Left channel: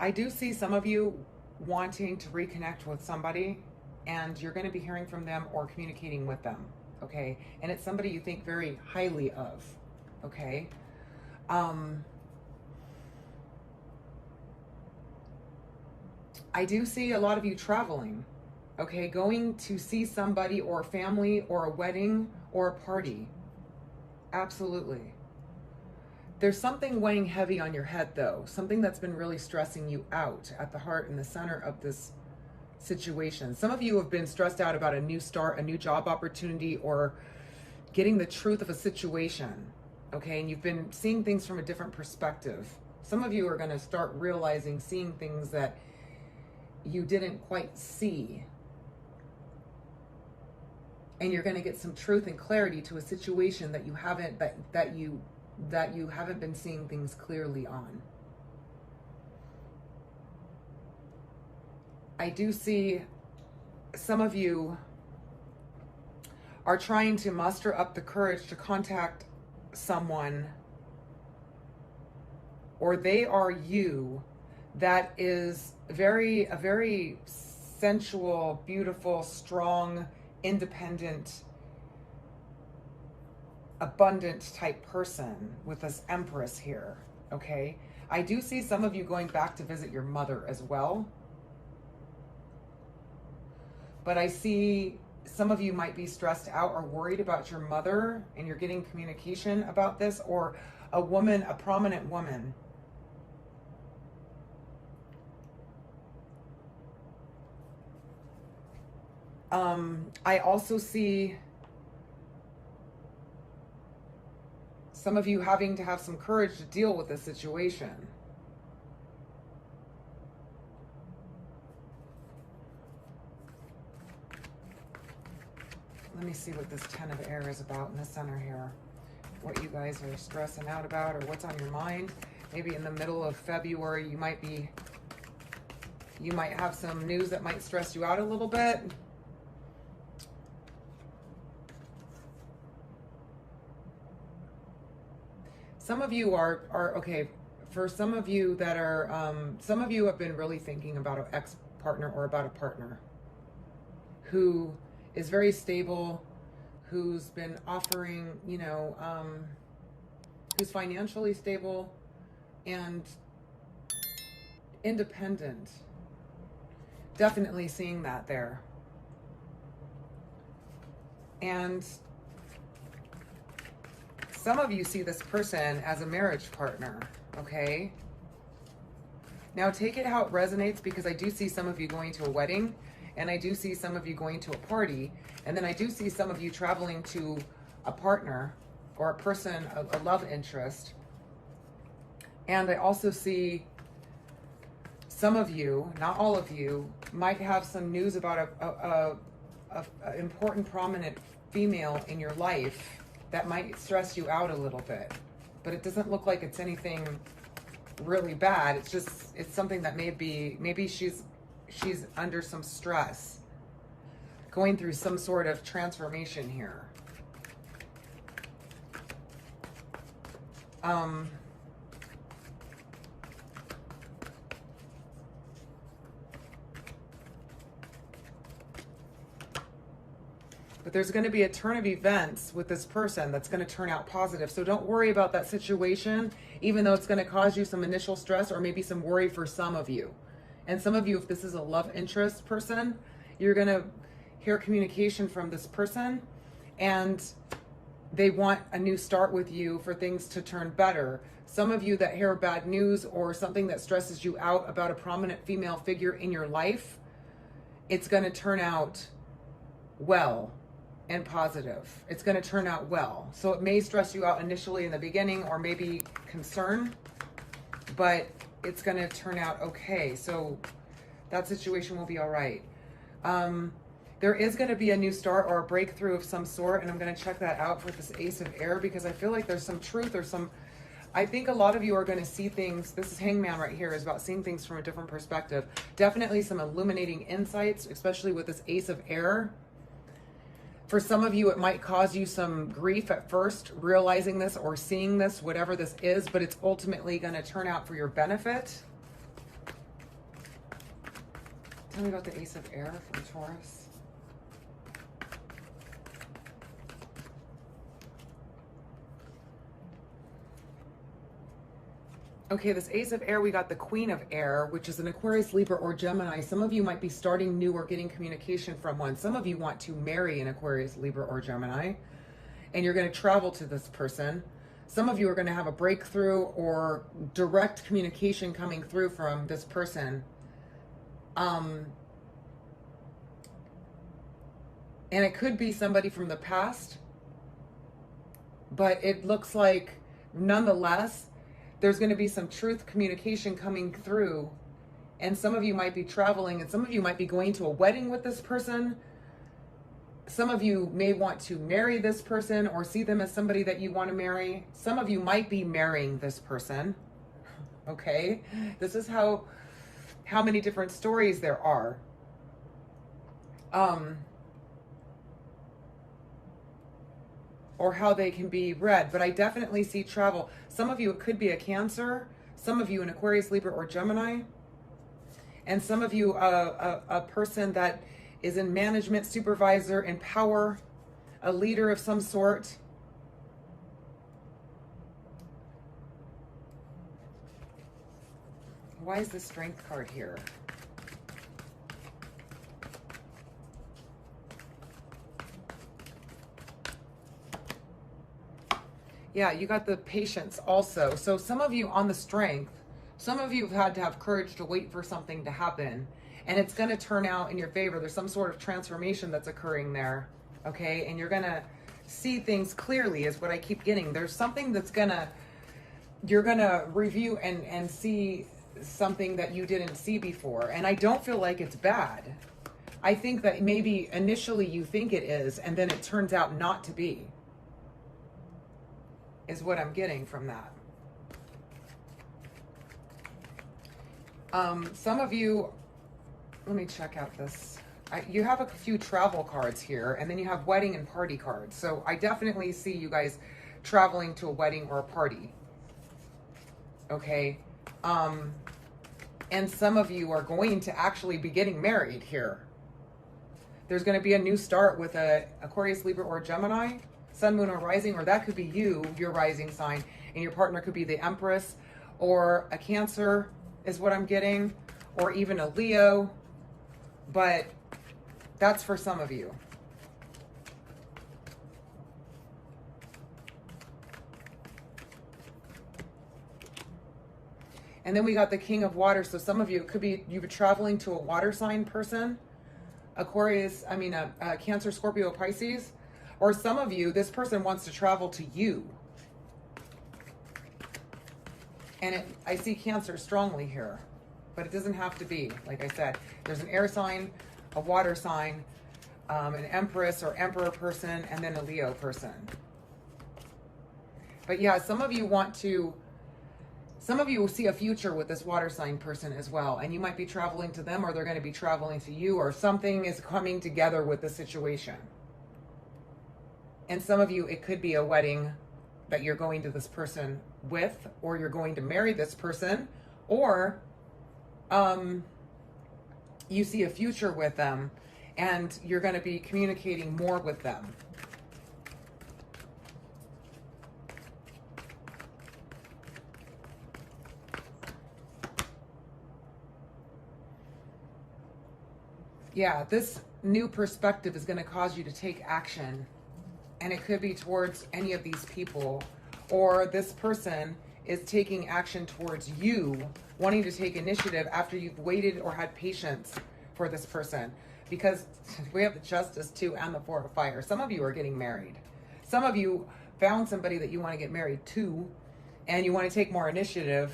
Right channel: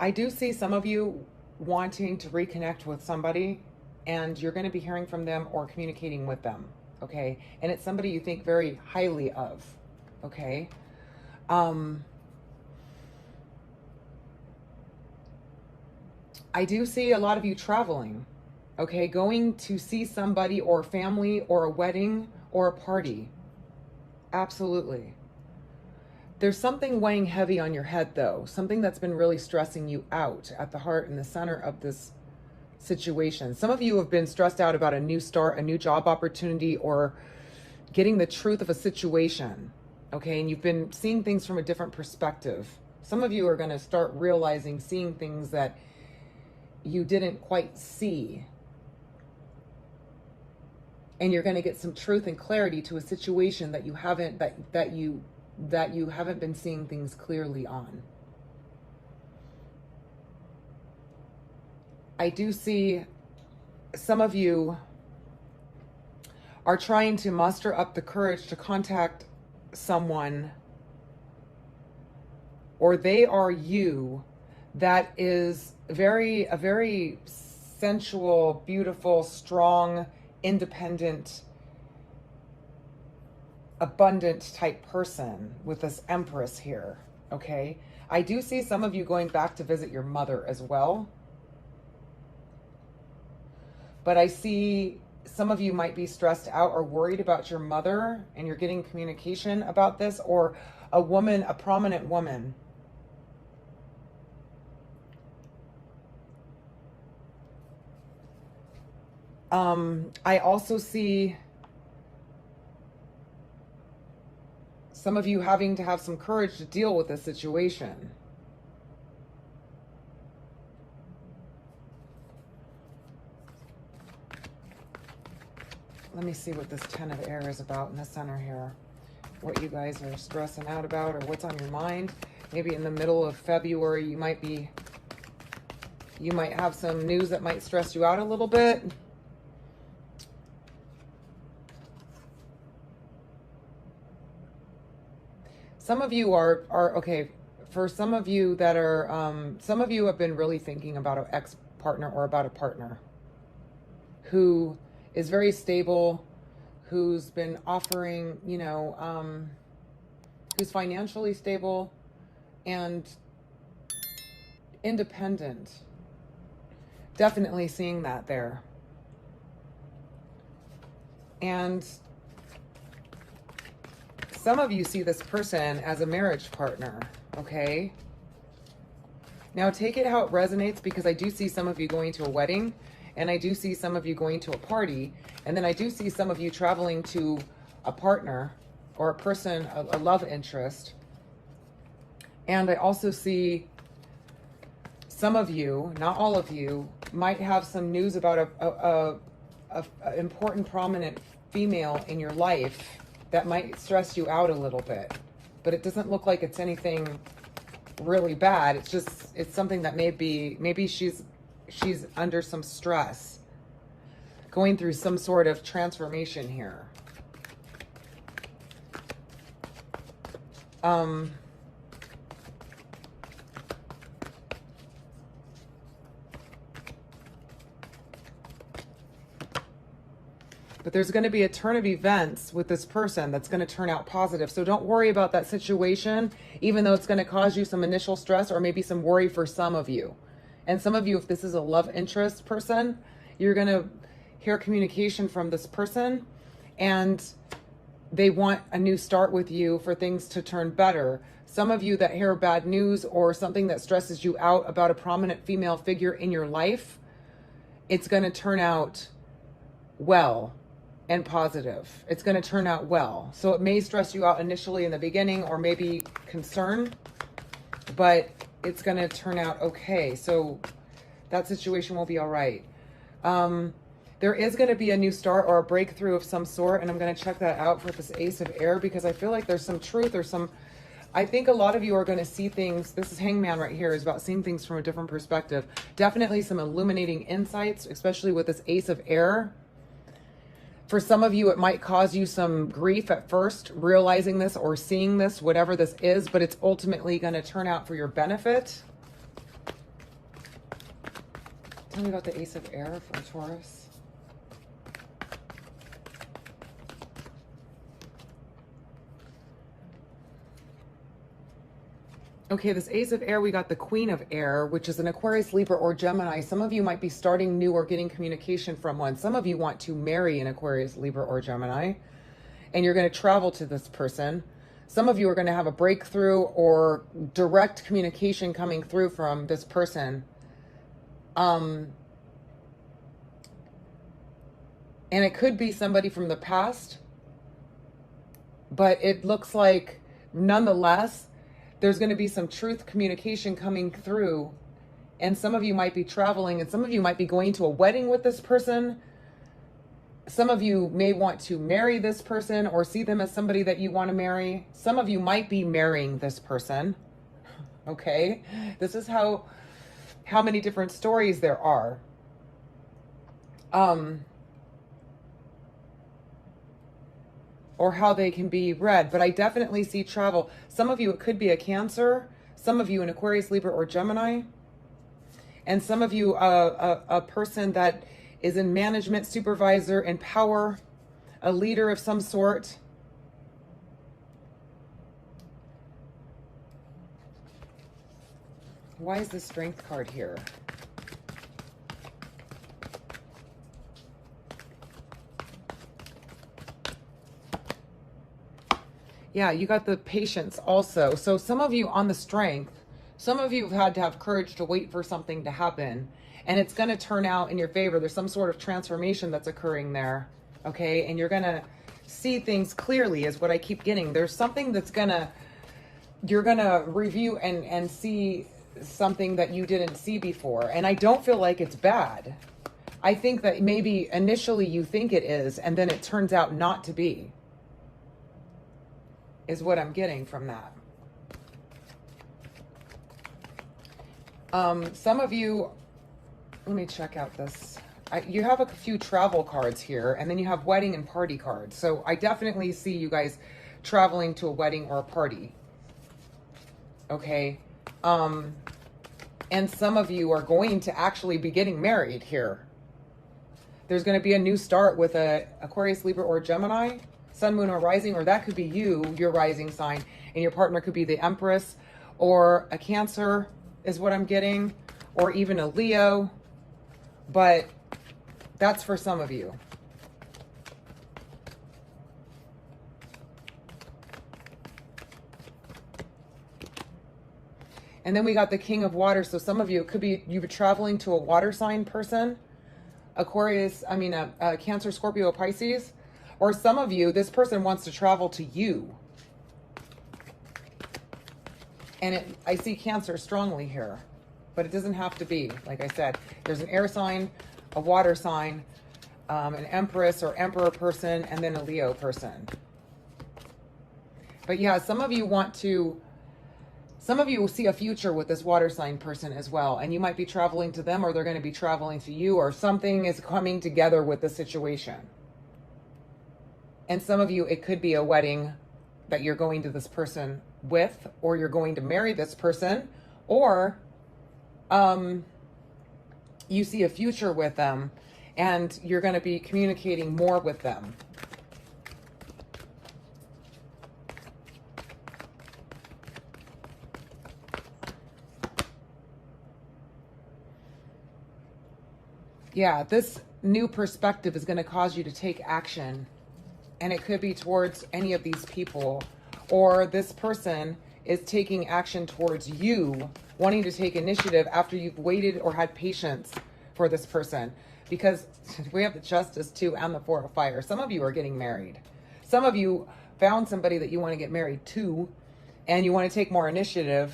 I do see some of you wanting to reconnect with somebody, and you're going to be hearing from them or communicating with them, okay? And it's somebody you think very highly of, okay? I do see a lot of you traveling, okay? Going to see somebody or family or a wedding or a party. Absolutely. There's something weighing heavy on your head, though. Something that's been really stressing you out at the heart and the center of this situation. Some of you have been stressed out about a new start, a new job opportunity, or getting the truth of a situation, okay? And you've been seeing things from a different perspective. Some of you are going to start realizing, seeing things that you didn't quite see. And you're going to get some truth and clarity to a situation that you haven't, that you haven't been seeing things clearly on. I do see some of you are trying to muster up the courage to contact someone, or they are you, that is a very sensual, beautiful, strong, independent, abundant type person with this Empress here, okay? I do see some of you going back to visit your mother as well. But I see some of you might be stressed out or worried about your mother, and you're getting communication about this, or a woman, a prominent woman. I also see some of you having to have some courage to deal with this situation. Let me see what this 10 of Air is about in the center here. What you guys are stressing out about, or what's on your mind. Maybe in the middle of February, you might have some news that might stress you out a little bit. Some of you are okay. For some of you that are, some of you have been really thinking about an ex-partner or about a partner who is very stable, who's been offering, you know, who's financially stable and independent. Definitely seeing that there. And some of you see this person as a marriage partner, okay? Now take it how it resonates, because I do see some of you going to a wedding, and I do see some of you going to a party, and then I do see some of you traveling to a partner or a person, a love interest. And I also see some of you, not all of you, might have some news about a important, prominent female in your life that might stress you out a little bit. But it doesn't look like it's anything really bad. It's just, it's something that maybe she's under some stress, going through some sort of transformation here. But there's going to be a turn of events with this person that's going to turn out positive. So don't worry about that situation, even though it's going to cause you some initial stress or maybe some worry for some of you. And some of you, if this is a love interest person, you're going to hear communication from this person, and they want a new start with you for things to turn better. Some of you that hear bad news or something that stresses you out about a prominent female figure in your life, it's going to turn out well and positive. It's going to turn out well. So it may stress you out initially in the beginning, or maybe concern, but it's going to turn out okay. So that situation will be all right. There is going to be a new start or a breakthrough of some sort, and I'm going to check that out for this Ace of Air, because I feel like there's some truth or some, I think a lot of you are going to see things. This is Hangman right here, is about seeing things from a different perspective. Definitely some illuminating insights, especially with this Ace of Air. For some of you, it might cause you some grief at first, realizing this or seeing this, whatever this is, but it's ultimately going to turn out for your benefit. Tell me about the Ace of Air for Taurus. Okay, this Ace of Air, we got the Queen of Air, which is an Aquarius, Libra, or Gemini. Some of you might be starting new or getting communication from one. Some of you want to marry an Aquarius, Libra, or Gemini, and you're going to travel to this person. Some of you are going to have a breakthrough or direct communication coming through from this person. And it could be somebody from the past, but it looks like nonetheless, there's going to be some truth communication coming through, and some of you might be traveling, and some of you might be going to a wedding with this person. Some of you may want to marry this person or see them as somebody that you want to marry. Some of you might be marrying this person. Okay, this is how many different stories there are. Or how they can be read, but I definitely see travel. Some of you, it could be a Cancer, some of you an Aquarius, Libra, or Gemini, and some of you a person that is in management, supervisor, in power, a leader of some sort. Why is the Strength card here? Yeah, you got the Patience also. So some of you on the Strength, some of you have had to have courage to wait for something to happen, and it's going to turn out in your favor. There's some sort of transformation that's occurring there, okay? And you're going to see things clearly is what I keep getting. There's something that's you're going to review and see something that you didn't see before. And I don't feel like it's bad. I think that maybe initially you think it is, and then it turns out not to be, is what I'm getting from that. Some of you, let me check out this. You have a few travel cards here, and then you have wedding and party cards. So I definitely see you guys traveling to a wedding or a party. Okay. And some of you are going to actually be getting married here. There's going to be a new start with a Aquarius, Libra, or Gemini, Sun, Moon, or Rising, or that could be you, your rising sign, and your partner could be the Empress, or a Cancer is what I'm getting, or even a Leo, but that's for some of you. And then we got the King of Water. So some of you, it could be you've been traveling to a water sign person, Aquarius, Cancer, Scorpio, Pisces. Or some of you, this person wants to travel to you. And I see Cancer strongly here, but it doesn't have to be. Like I said, there's an air sign, a water sign, an Empress or Emperor person, and then a Leo person. But yeah, some of you will see a future with this water sign person as well. And you might be traveling to them, or they're going to be traveling to you, or something is coming together with the situation. And some of you, it could be a wedding that you're going to this person with, or you're going to marry this person, or you see a future with them and you're going to be communicating more with them. Yeah, this new perspective is going to cause you to take action. And it could be towards any of these people, or this person is taking action towards you, wanting to take initiative after you've waited or had patience for this person. Because we have the Justice too, and the Four of Fire. Some of you are getting married. Some of you found somebody that you want to get married to, and you want to take more initiative,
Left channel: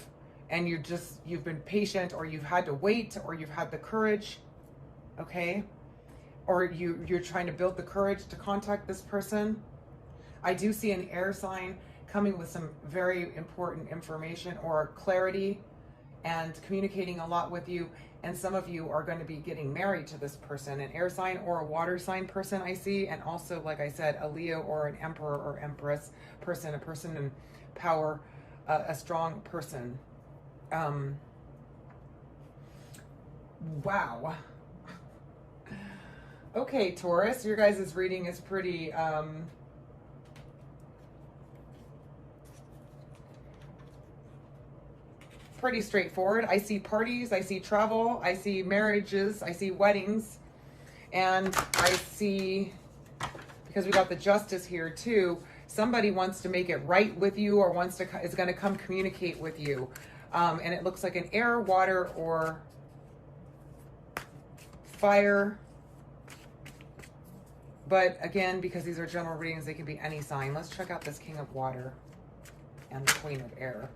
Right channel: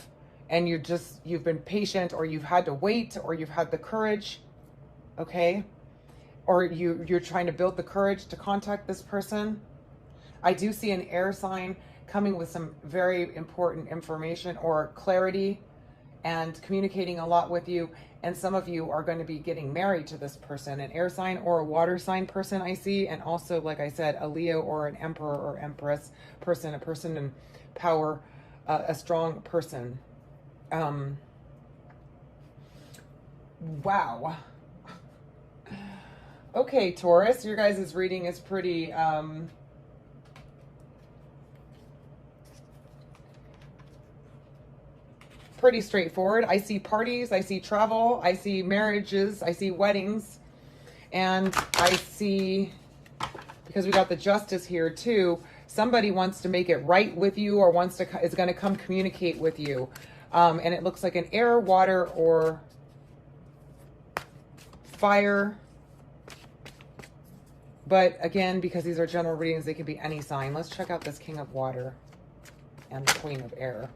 and you've been patient, or you've had to wait, or you've had the courage, okay? Or you're trying to build the courage to contact this person. I do see an air sign coming with some very important information or clarity and communicating a lot with you. And some of you are going to be getting married to this person, an air sign or a water sign person I see. And also, like I said, a Leo or an Emperor or Empress person, a person in power, a strong person. Wow. Okay, Taurus, your guys' reading is pretty, pretty straightforward. I see parties, I see travel, I see marriages, I see weddings, and I see, because we got the Justice here too, somebody wants to make it right with you or is going to come communicate with you. And it looks like an air, water, or fire. But again, because these are general readings, they could be any sign. Let's check out this King of Water and the Queen of Air.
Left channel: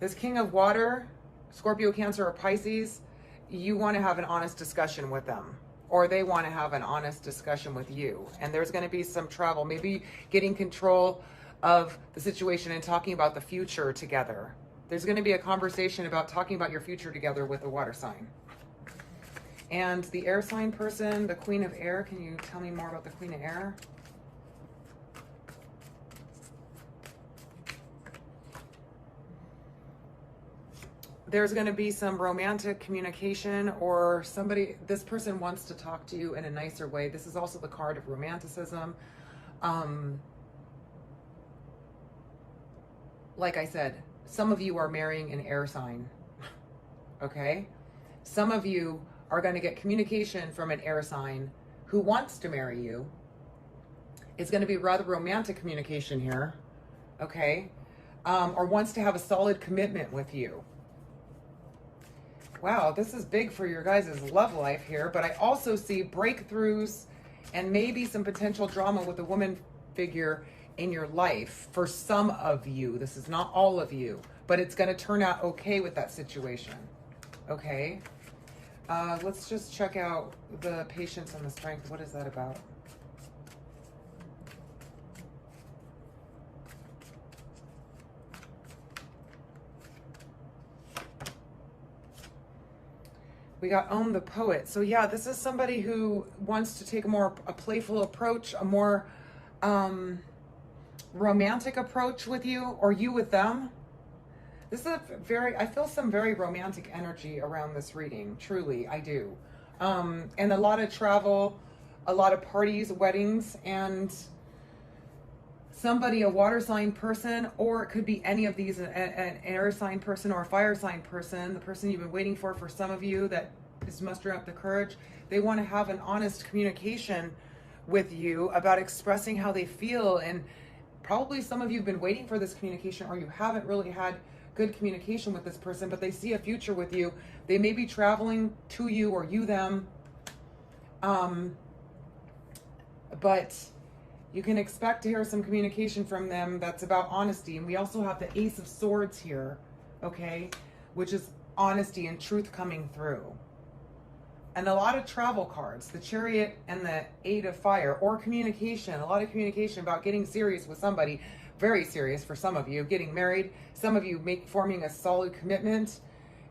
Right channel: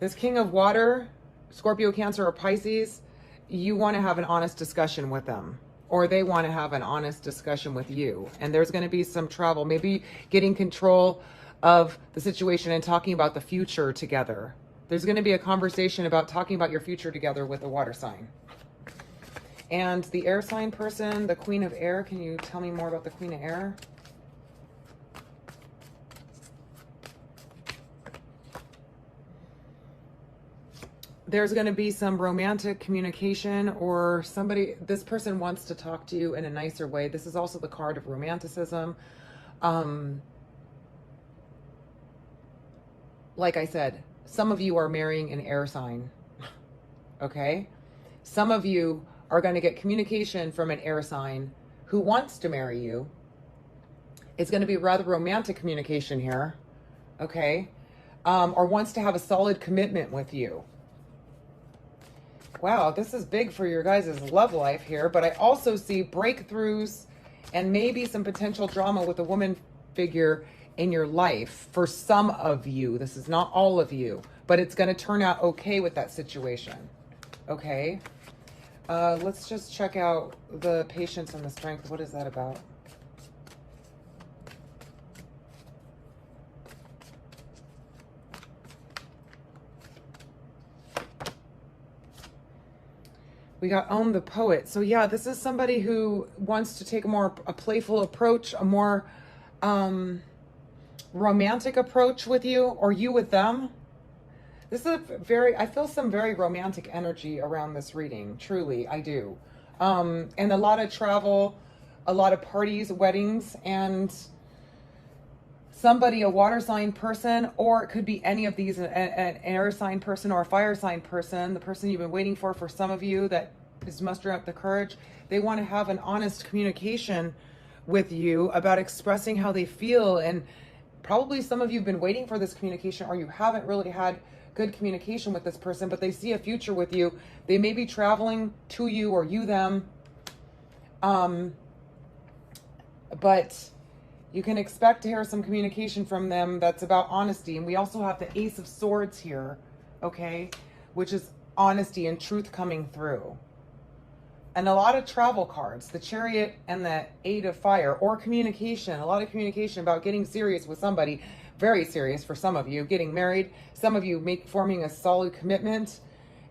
This King of Water, Scorpio, Cancer, or Pisces, you want to have an honest discussion with them, or they want to have an honest discussion with you. And there's going to be some travel, maybe getting control of the situation and talking about the future together. There's going to be a conversation about talking about your future together with a water sign. And the air sign person, the Queen of Air, can you tell me more about the Queen of Air? There's going to be some romantic communication, or this person wants to talk to you in a nicer way. This is also the card of romanticism. Like I said, some of you are marrying an air sign, okay? Some of you are going to get communication from an air sign who wants to marry you. It's going to be rather romantic communication here, okay? Or wants to have a solid commitment with you. Wow, this is big for your guys' love life here, but I also see breakthroughs and maybe some potential drama with a woman figure in your life for some of you. This is not all of you, but it's going to turn out okay with that situation, okay? Let's just check out the patience and the strength. What is that about? We got Own the Poet. So yeah, this is somebody who wants to take a playful approach, a more romantic approach with you, or you with them. This is I feel some very romantic energy around this reading. Truly, I do. And a lot of travel, a lot of parties, weddings, and somebody, a water sign person, or it could be any of these, an air sign person or a fire sign person, the person you've been waiting for some of you that is mustering up the courage. They want to have an honest communication with you about expressing how they feel. And probably some of you have been waiting for this communication, or you haven't really had good communication with this person, but they see a future with you. They may be traveling to you or you them. But you can expect to hear some communication from them that's about honesty. And we also have the Ace of Swords here, okay, which is honesty and truth coming through. And a lot of travel cards, the Chariot and the Eight of Fire, or communication, a lot of communication about getting serious with somebody, very serious for some of you, getting married, some of you forming a solid commitment,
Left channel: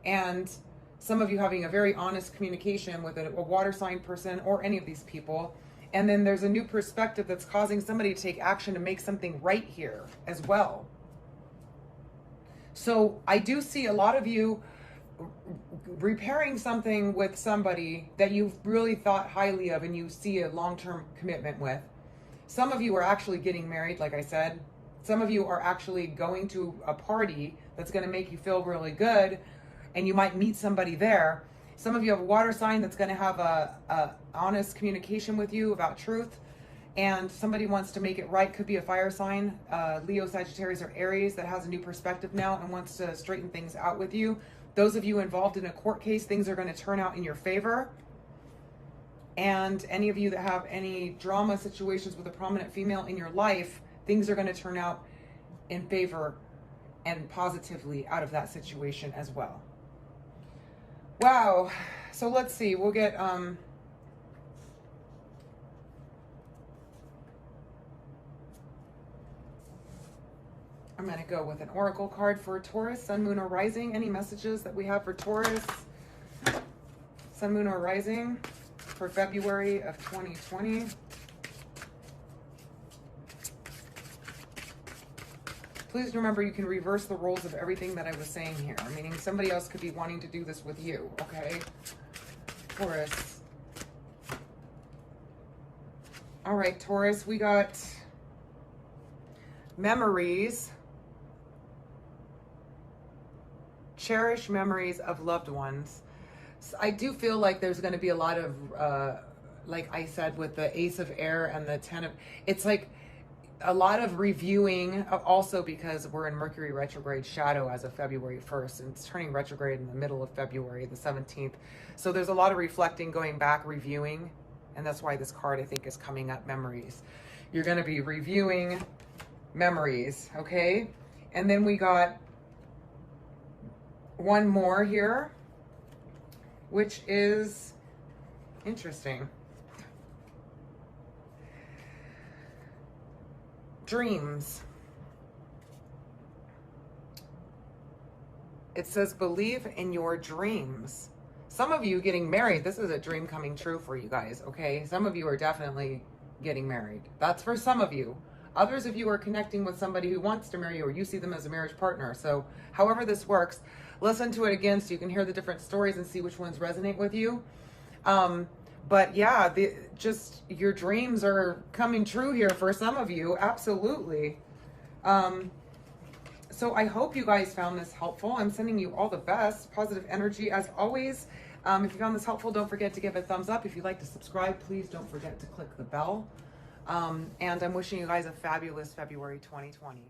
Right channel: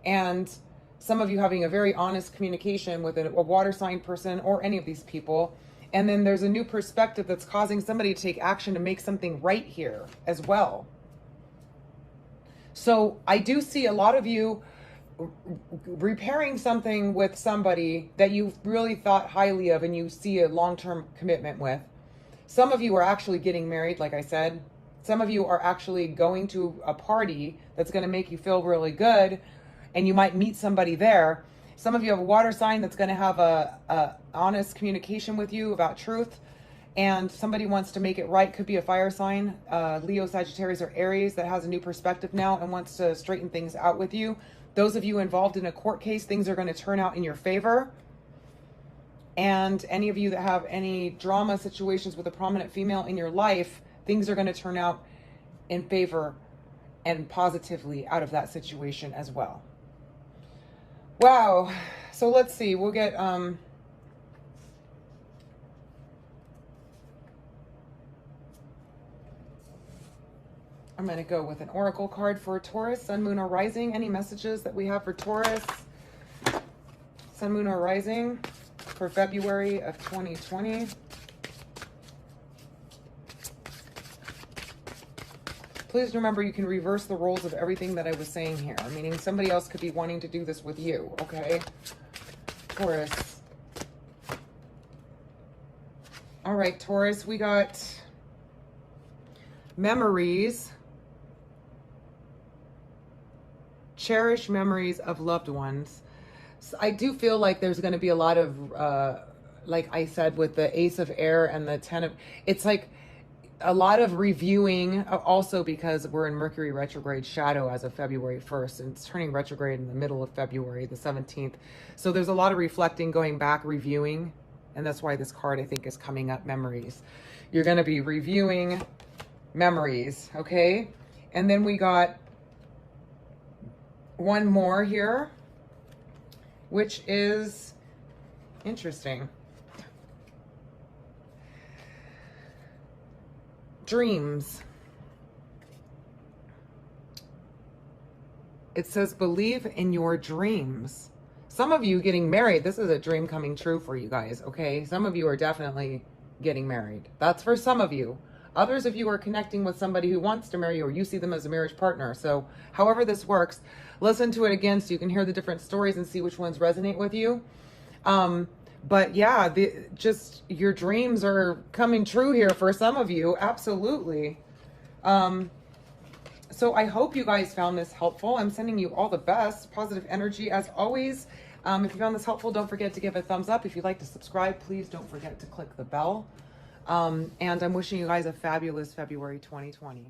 and some of you having a very honest communication with a water sign person or any of these people. And then there's a new perspective that's causing somebody to take action to make something right here as well. So I do see a lot of you repairing something with somebody that you really thought highly of and you see a long-term commitment with. Some of you are actually getting married, like I said. Some of you are actually going to a party that's going to make you feel really good, and you might meet somebody there. Some of you have a water sign that's going to have a honest communication with you about truth, and somebody wants to make it right. Could be a fire sign, Leo, Sagittarius, or Aries, that has a new perspective now and wants to straighten things out with you. Those of you involved in a court case, things are going to turn out in your favor. And any of you that have any drama situations with a prominent female in your life, things are going to turn out in favor and positively out of that situation as well. Wow. So let's see. We'll get I'm going to go with an oracle card for Taurus, Sun, Moon, or Rising. Any messages that we have for Taurus, Sun, Moon, or Rising for February of 2020? Please remember, you can reverse the roles of everything that I was saying here, meaning somebody else could be wanting to do this with you, okay? Taurus. All right, Taurus, we got memories. Cherish memories of loved ones. So I do feel like there's going to be a lot of, like I said, with the Ace of Air and the Ten of, it's like a lot of reviewing, also because we're in Mercury retrograde shadow as of February 1st, and it's turning retrograde in the middle of February, the 17th. So there's a lot of reflecting, going back, reviewing, and that's why this card, I think, is coming up, memories. You're going to be reviewing memories, okay? And then we got one more here, which is interesting. Dreams. It says, believe in your dreams. Some of you getting married, this is a dream coming true for you guys, okay? Some of you are definitely getting married. That's for some of you. Others of you are connecting with somebody who wants to marry you, or you see them as a marriage partner. So however this works, listen to it again so you can hear the different stories and see which ones resonate with you. But yeah, just your dreams are coming true here for some of you. Absolutely. So I hope you guys found this helpful. I'm sending you all the best positive energy as always. If you found this helpful, don't forget to give a thumbs up. If you'd like to subscribe, please don't forget to click the bell. And I'm wishing you guys a fabulous February 2020.